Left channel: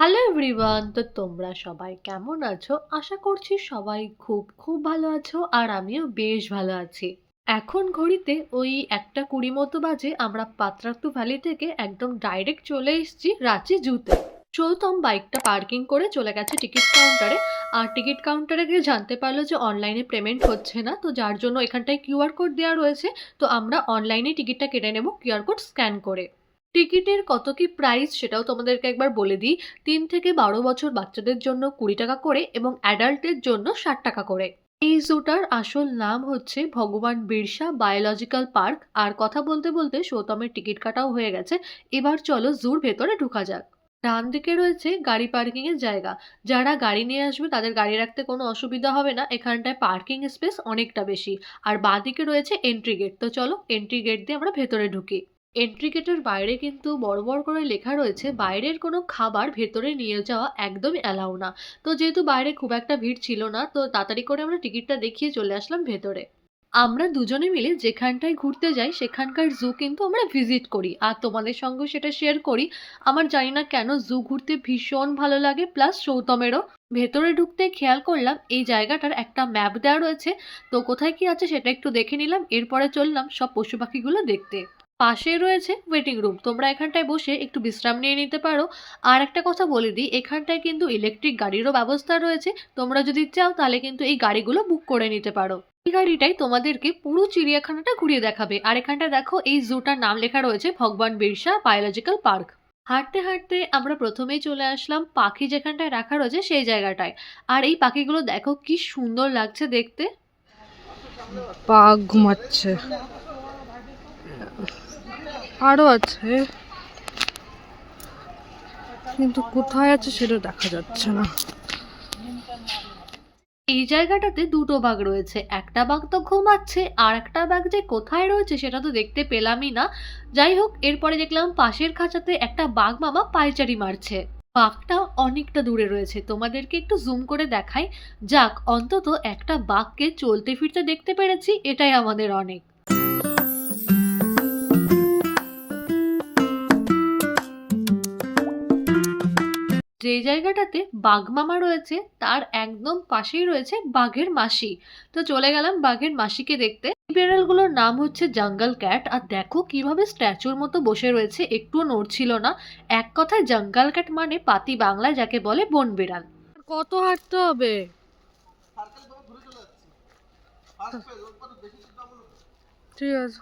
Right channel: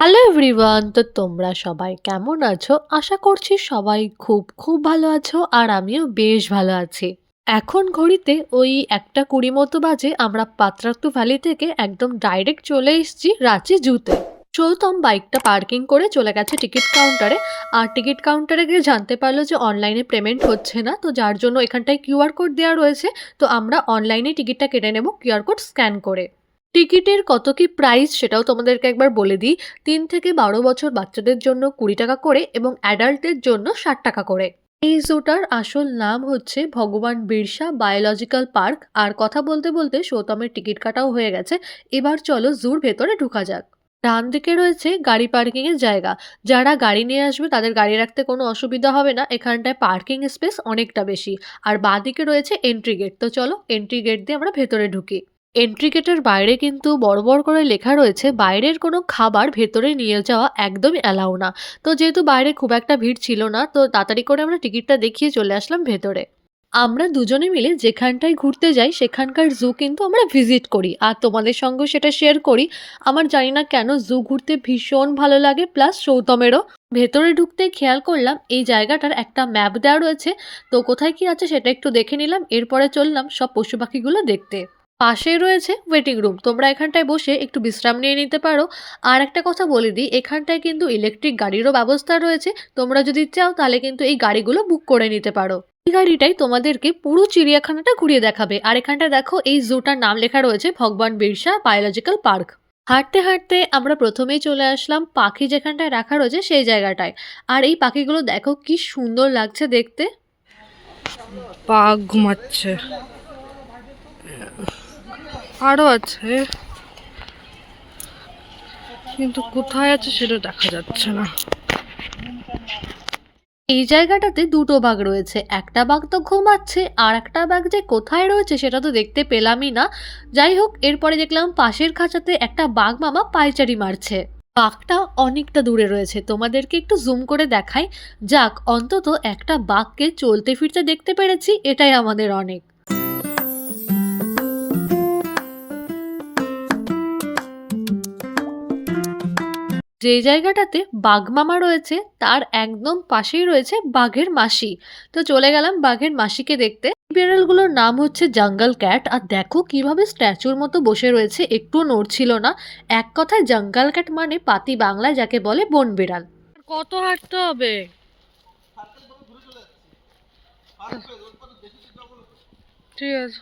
Hello everyone, তো তোমরা সবাই কেমন আছো? আশা করছি সবাই খুব ভালো আছো আর আমিও বেশ ভালো আছি। এখন ঘড়িতে ওই ১:২০ মতো বাজে। আমরা পাত্রাতু ভ্যালি থেকে একদম ডাইরেক্ট চলে এসেছি রাঁচি জুতে। সৌতম বাইকটা পার্কিং করে চলে গেছে টিকিট কাউন্টারে। আর টিকিট কাউন্টারে গিয়ে জানতে পারলো যে অনলাইনে পেমেন্ট হচ্ছে না, তো যার জন্য এখানটায় কিউআর কোড দেওয়া রয়েছে। তো আমরা অনলাইনে টিকিটটা কেটে নেব কিউআর কোড স্ক্যান করে। টিকিটের কত কি প্রাইস সেটাও তোমাদেরকে একবার বলে দিই। ৩ থেকে ১২ বছর বাচ্চাদের জন্য ৳২০ করে এবং অ্যাডাল্টদের জন্য ৳৬০ করে। এই জুটার আসল নাম হচ্ছে ভগবান বিরসা বায়োলজিক্যাল পার্ক। আর কথা বলতে বলতে সৌতমের টিকিট কাটাও হয়ে গেছে। এবার চলো জুর ভেতরে ঢোকা যাক। ডান দিকে রয়েছে গাড়ি পার্কিং এর জায়গা। যারা গাড়ি নিয়ে আসবে তাদের গাড়ি রাখতে কোনো অসুবিধা হবে না, এখানটায় পার্কিং স্পেস অনেকটা বেশি। আর বাঁদিকে রয়েছে এন্ট্রি গেট। তো চলো এন্ট্রি গেট দিয়ে আমরা ভেতরে ঢুকি। এন্ট্রি গেটের বাইরে কিন্তু বড় করে লেখা রয়েছে বাইরের কোনো খাবার ভেতরে নিয়ে যাওয়া একদমই অ্যালাউ না। তো যেহেতু বাইরে খুব একটা ভিড় ছিল না, তো তাড়াতাড়ি করে আমরা টিকিটটা দেখিয়ে চলে আসলাম ভেতরে। আমরা দুজনে মিলে যেখানটায় ঘুরতে যাই সেখানকার জু কিন্তু আমরা ভিজিট করি আর তোমাদের সঙ্গেও সেটা শেয়ার করি। আমার জানি না কেন জু ঘুরতে ভীষণ ভালো লাগে, প্লাস সৌতমেরও। ভেতরে ঢুকতে খেয়াল করলাম এই জায়গাটার একটা ম্যাপ দেওয়া রয়েছে। তো কোথায় কি আছে সেটা একটু দেখে নিলাম, এরপরে চললাম সব পশু পাখিগুলো দেখতে। পাশেই রয়েছে ওয়েটিং রুম, তোমরা এখানটায় বসে একটু বিশ্রাম নিয়ে নিতে পারো। আর একটা কথা বলে দিই, এখানটায় কিন্তু ইলেকট্রিক গাড়িরও ব্যবস্থা রয়েছে। তোমরা যদি চাও তাহলে কিন্তু এই গাড়িগুলো বুক করে নিতে পারো। এই গাড়িটাই তোমাদেরকে পুরো চিড়িয়াখানাটা ঘুরিয়ে দেখাবে। আর এখানটায় দেখো এই জুটার নাম লেখা রয়েছে ভগবান বিরসা বায়োলজিক্যাল পার্ক। হাঁটতে হাঁটতে আমরা প্রথমেই চলে আসলাম পাখি যেখানটায় রাখা রয়েছে সেই জায়গাটায়। আর এই পাখিগুলো দেখো কি সুন্দর লাগছে দেখতে। বাঘ ঘুমাচ্ছে, আরো আছে কিন্তু কোথায় আছে সেটা দেখা যাচ্ছে না। এই জায়গাটাতে দুটো বাঘ রয়েছে, একটা বাঘ তো ঘুমাচ্ছে আর একটা বাঘ যে কোথায় রয়েছে সেটা তো দেখতে পেলামই না। যাই হোক, এরপরে দেখলাম পাশের খাঁচাতে একটা বাঘ মামা পায়চারি মারছে। বাঘটা অনেকটা দূরে রয়েছে, তোমাদেরকে একটু জুম করে দেখাই। যাক, অন্তত একটা বাঘকে চলতে ফিরতে দেখতে পেরেছি, এটাই আমাদের অনেক। যেই জায়গাটাতে বাঘ মামা রয়েছে তার একদম পাশেই রয়েছে বাঘের মাসি। তো চলে গেলাম বাঘের মাসিকে দেখতে। এই বিড়ালগুলোর নাম হচ্ছে জঙ্গল ক্যাট। আর দেখো কিভাবে স্ট্যাচুর মতো বসে রয়েছে, একটুও নড়ছিল না। এক কথায় জঙ্গল ক্যাট মানে পাতি বাংলায় যাকে বলে বন বিড়াল। কত হাঁটতে হবে? ঠিক আছে।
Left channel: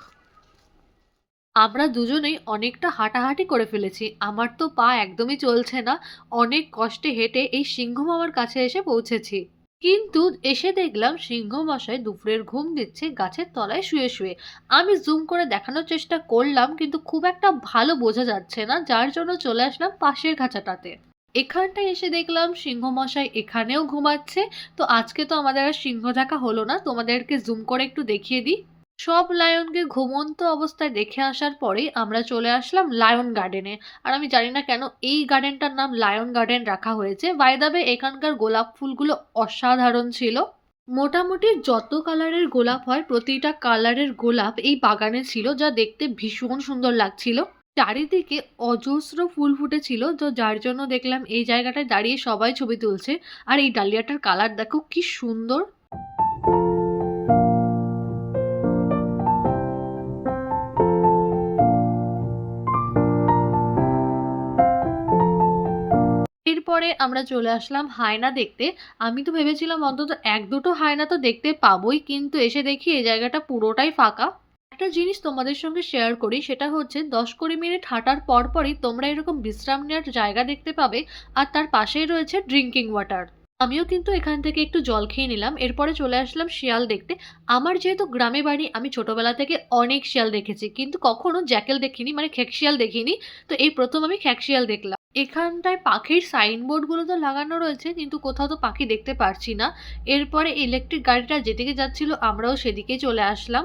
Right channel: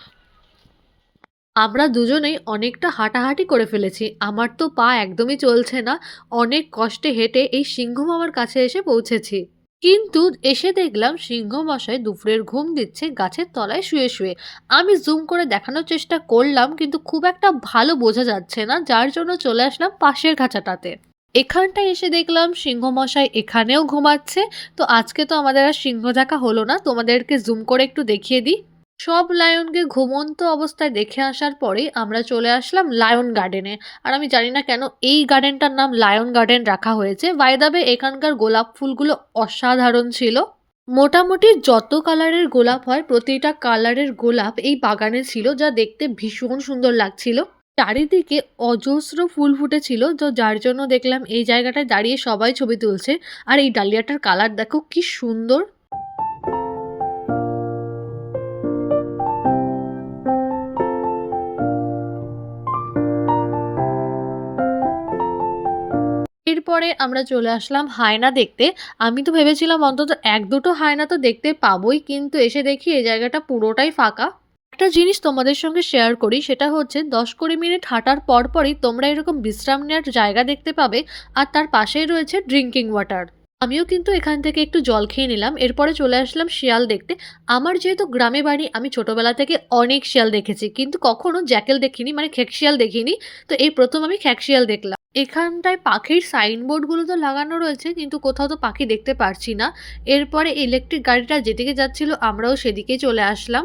আমরা দুজনেই অনেকটা হাঁটাহাঁটি করে ফেলেছি, আমার তো পা একদমই চলছে না। অনেক কষ্টে হেঁটে এই সিংহ মামার কাছে এসে পৌঁছেছি। কিন্তু এসে দেখলাম সিংহ মশাই দুপুরের ঘুম দিচ্ছে গাছের তলায় শুয়ে শুয়ে। আমি জুম করে দেখানোর চেষ্টা করলাম কিন্তু খুব একটা ভালো বোঝা যাচ্ছে না, যার জন্য চলে আসলাম পাশের খাঁচাটাতে। এখানটায় এসে দেখলাম সিংহ মশাই এখানেও ঘুমাচ্ছে। তো আজকে তো আমাদের আর সিংহ দেখা হলো না, তোমাদেরকে জুম করে একটু দেখিয়ে দিই। সব লায়নকে ঘুমন্ত অবস্থায় দেখে আসার পরেই আমরা চলে আসলাম লায়ন গার্ডেনে। আর আমি জানি না কেন এই গার্ডেনটার নাম লায়ন গার্ডেন রাখা হয়েছে। বাই দ্য ওয়ে, এখানকার গোলাপ ফুলগুলো অসাধারণ ছিল। মোটামুটি যত কালারের গোলাপ হয় প্রতিটা কালারের গোলাপ এই বাগানে ছিল, যা দেখতে ভীষণ সুন্দর লাগছিল। চারিদিকে অজস্র ফুল ফুটেছিল, তো যার জন্য দেখলাম এই জায়গাটায় দাঁড়িয়ে সবাই ছবি তুলছে। আর এই ডালিয়াটার কালার দেখো কি সুন্দর। এরপরে আমরা চলে আসলাম হায়না দেখতে। আমি তো ভেবেছিলাম অন্তত ১-২টো হায়না তো দেখতে পাবোই, কিন্তু এসে দেখি এই জায়গাটা পুরোটাই ফাঁকা। একটা জিনিস তোমাদের সঙ্গে শেয়ার করি, সেটা হচ্ছে ১০-২০ মিনিট হাঁটার পরপরই তোমরা এরকম বিশ্রাম নেওয়ার জায়গা দেখতে পাবে। আর তার পাশেই রয়েছে ড্রিঙ্কিং ওয়াটার। আমিও কিন্তু এখান থেকে একটু জল খেয়ে নিলাম। এরপরে চলে আসলাম শিয়াল দেখতে। আমার যেহেতু গ্রামে বাড়ি, আমি ছোটবেলা থেকে অনেক শিয়াল দেখেছি কিন্তু কখনো জ্যাকেল দেখিনি, মানে খেকশিয়াল দেখিনি। তো এই প্রথম আমি খেকশিয়াল দেখলাম। এখানটায় পাখির সাইনবোর্ডগুলো তো লাগানো রয়েছে কিন্তু কোথাও তো পাখি দেখতে পারছি না। এরপরে ইলেকট্রিক গাড়িটা যেদিকে যাচ্ছিল আমরাও সেদিকেই চলে আসলাম।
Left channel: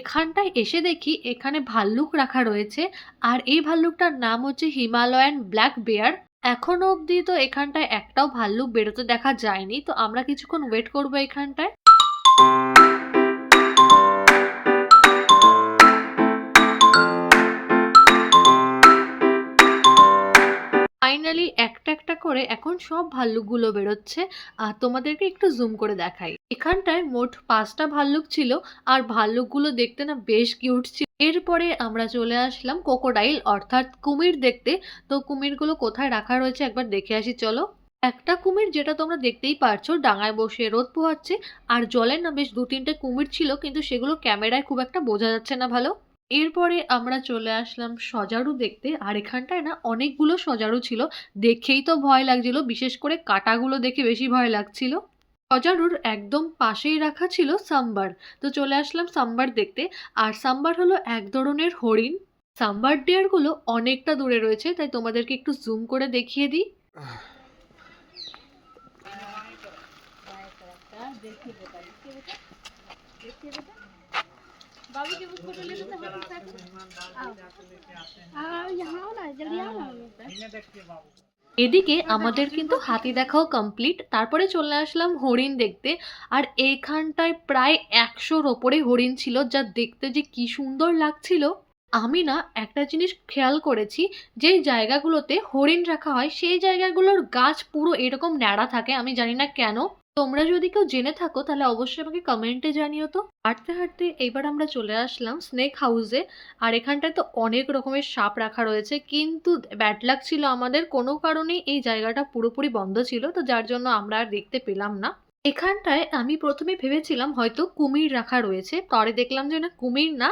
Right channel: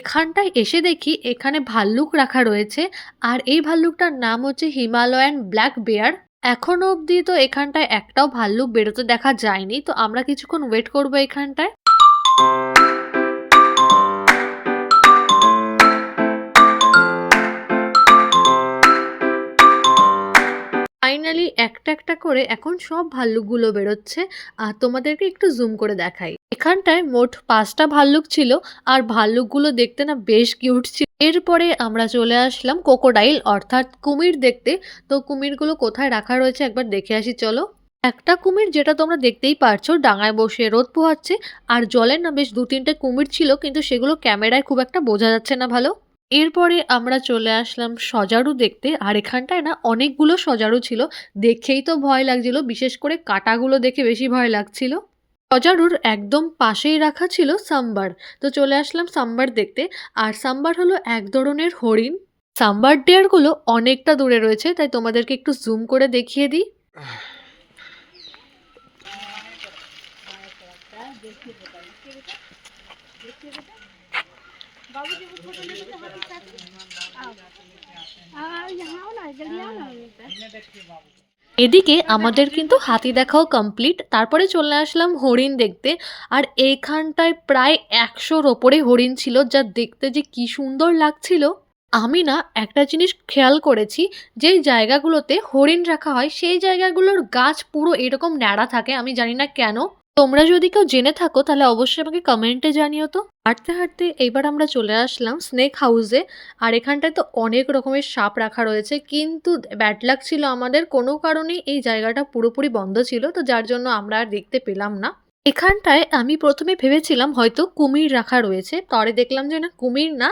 এখানটায় এসে দেখি এখানে ভাল্লুক রাখা রয়েছে। আর এই ভাল্লুকটার নাম হচ্ছে হিমালয়ান ব্ল্যাক বেয়ার। এখনো অবধি তো এখানটায় একটাও ভাল্লুক বেরোতে দেখা যায়নি, তো আমরা কিছুক্ষণ ওয়েট করবো এখানটায়। ফাইনালি একটা, একটা করে এখন সব ভাল্লুকগুলো বেরোচ্ছে। আর তোমাদেরকে একটু জুম করে দেখাই। এখানটায় মোট ৫ টা ভাল্লুক ছিল আর ভাল্লুকগুলো দেখতে না বেশ কিউট ছিল। এরপরে আমরা চলে আসলাম ক্রোকোডাইল অর্থাৎ কুমির দেখতে। তো কুমিরগুলো কোথায় রাখা রয়েছে একবার দেখে আসি চলো। একটা কুমির যেটা তোমরা দেখতেই পারছো ডাঙায় বসে রোদ পোহাচ্ছে। আর জলে না বেশ ২-৩ টে কুমির ছিল কিন্তু সেগুলো ক্যামেরায় খুব একটা বোঝা যাচ্ছে না ভালো। এরপরে আমরা চলে আসলাম সজারু দেখতে। আর এখানটায় না অনেকগুলো সজারু ছিল। দেখেই তো ভয় লাগছিল। বিশেষ করে কাঁটাগুলো দেখে বেশি ভয় লাগছিল। সজারুর একদম পাশেই রাখা ছিল সাম্বার। তো চলে আসলাম সাম্বার দেখতে। আর সাম্বার হলো এক ধরনের হরিণ। সাম্বার ডিয়ারগুলো অনেকটা দূরে রয়েছে তাই তোমাদেরকে একটু জুম করে দেখিয়ে দিই। এদিকে আমাদের কিন্তু হাতি দেখাও কমপ্লিট। তারপরে চলে আসলাম হরিণ দেখতে। আর এইখানটায় প্রায় ১০০-র ওপরে হরিণ ছিল যা দেখতে যে কি সুন্দর লাগছিল। আমি না একটা জিনিস খেয়াল করেছি, যেই জায়গাগুলোতে হরিণ রাখা হয় সেই জায়গাগুলোর গাছ পুরো এরকম ন্যাড়া থাকে। আমি জানি না কেন? তোমরা যদি কেউ জেনে থাকো তাহলে অবশ্যই আমাকে কমেন্টে জানিও তো। হাঁটতে, হাঁটতে এইবার আমরা চলে আসলাম স্নেক হাউসে। আর এখানটায় তো অনেক রকমের সাপ রাখা রয়েছে। কিন্তু ব্যাড লাক ছিল আমাদের, কোনো কারণেই এই জায়গাটা পুরোপুরি বন্ধ ছিল। তো যার জন্য আমরা আর দেখতে পেলাম না। এখানটায় আমি ১ম এ ভেবেছিলাম হয়তো কুমির রাখা রয়েছে। পরে দেখলাম যে না, কুমির না,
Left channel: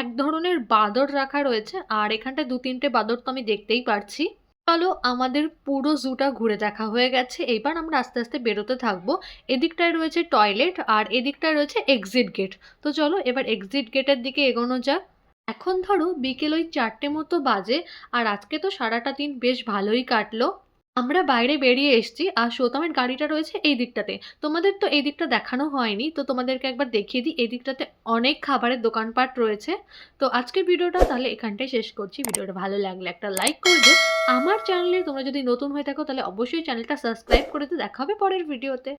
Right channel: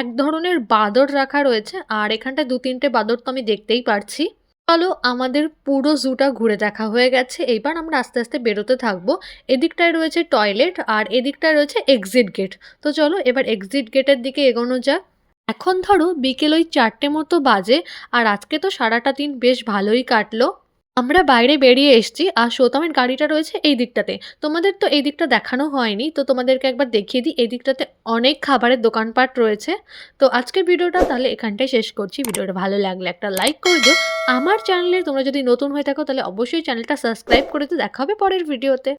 এক ধরনের বাঁদর রাখা রয়েছে। আর এখানটায় ২-৩ টে বাঁদর তো আমি দেখতেই পারছি। চলো আমাদের পুরো জুটা ঘুরে দেখা হয়ে গেছে। এইবার আমরা আস্তে, আস্তে বেরোতে থাকবো। এদিকটায় রয়েছে টয়লেট আর এদিকটায় রয়েছে এক্সিট গেট। তো চলো এবার এক্সিট গেটের দিকে এগোনো যাক। এখন ধরো বিকেল ওই ৪টে মতো বাজে। আর আজকে তো সারাটা দিন বেশ ভালোই কাটলো। আমরা বাইরে বেরিয়ে এসেছি আর সৌতমের গাড়িটা রয়েছে এই দিকটাতে। তোমাদের তো এই দিকটা দেখানো হয়নি। তো তোমাদেরকে একবার দেখিয়ে দিই। এই দিকটাতে অনেক খাবারের দোকানপাট রয়েছে। তো আজকের ভিডিওটা তাহলে এখানটায় শেষ করছি। ভিডিওটা ভালো লাগলে একটা লাইক করে দিও। আমার চ্যানেলে তোমরা যদি নতুন হয়ে থাকো তাহলে অবশ্যই চ্যানেলটা সাবস্ক্রাইব করে দিও। দেখা হবে পরের ভিডিওতে।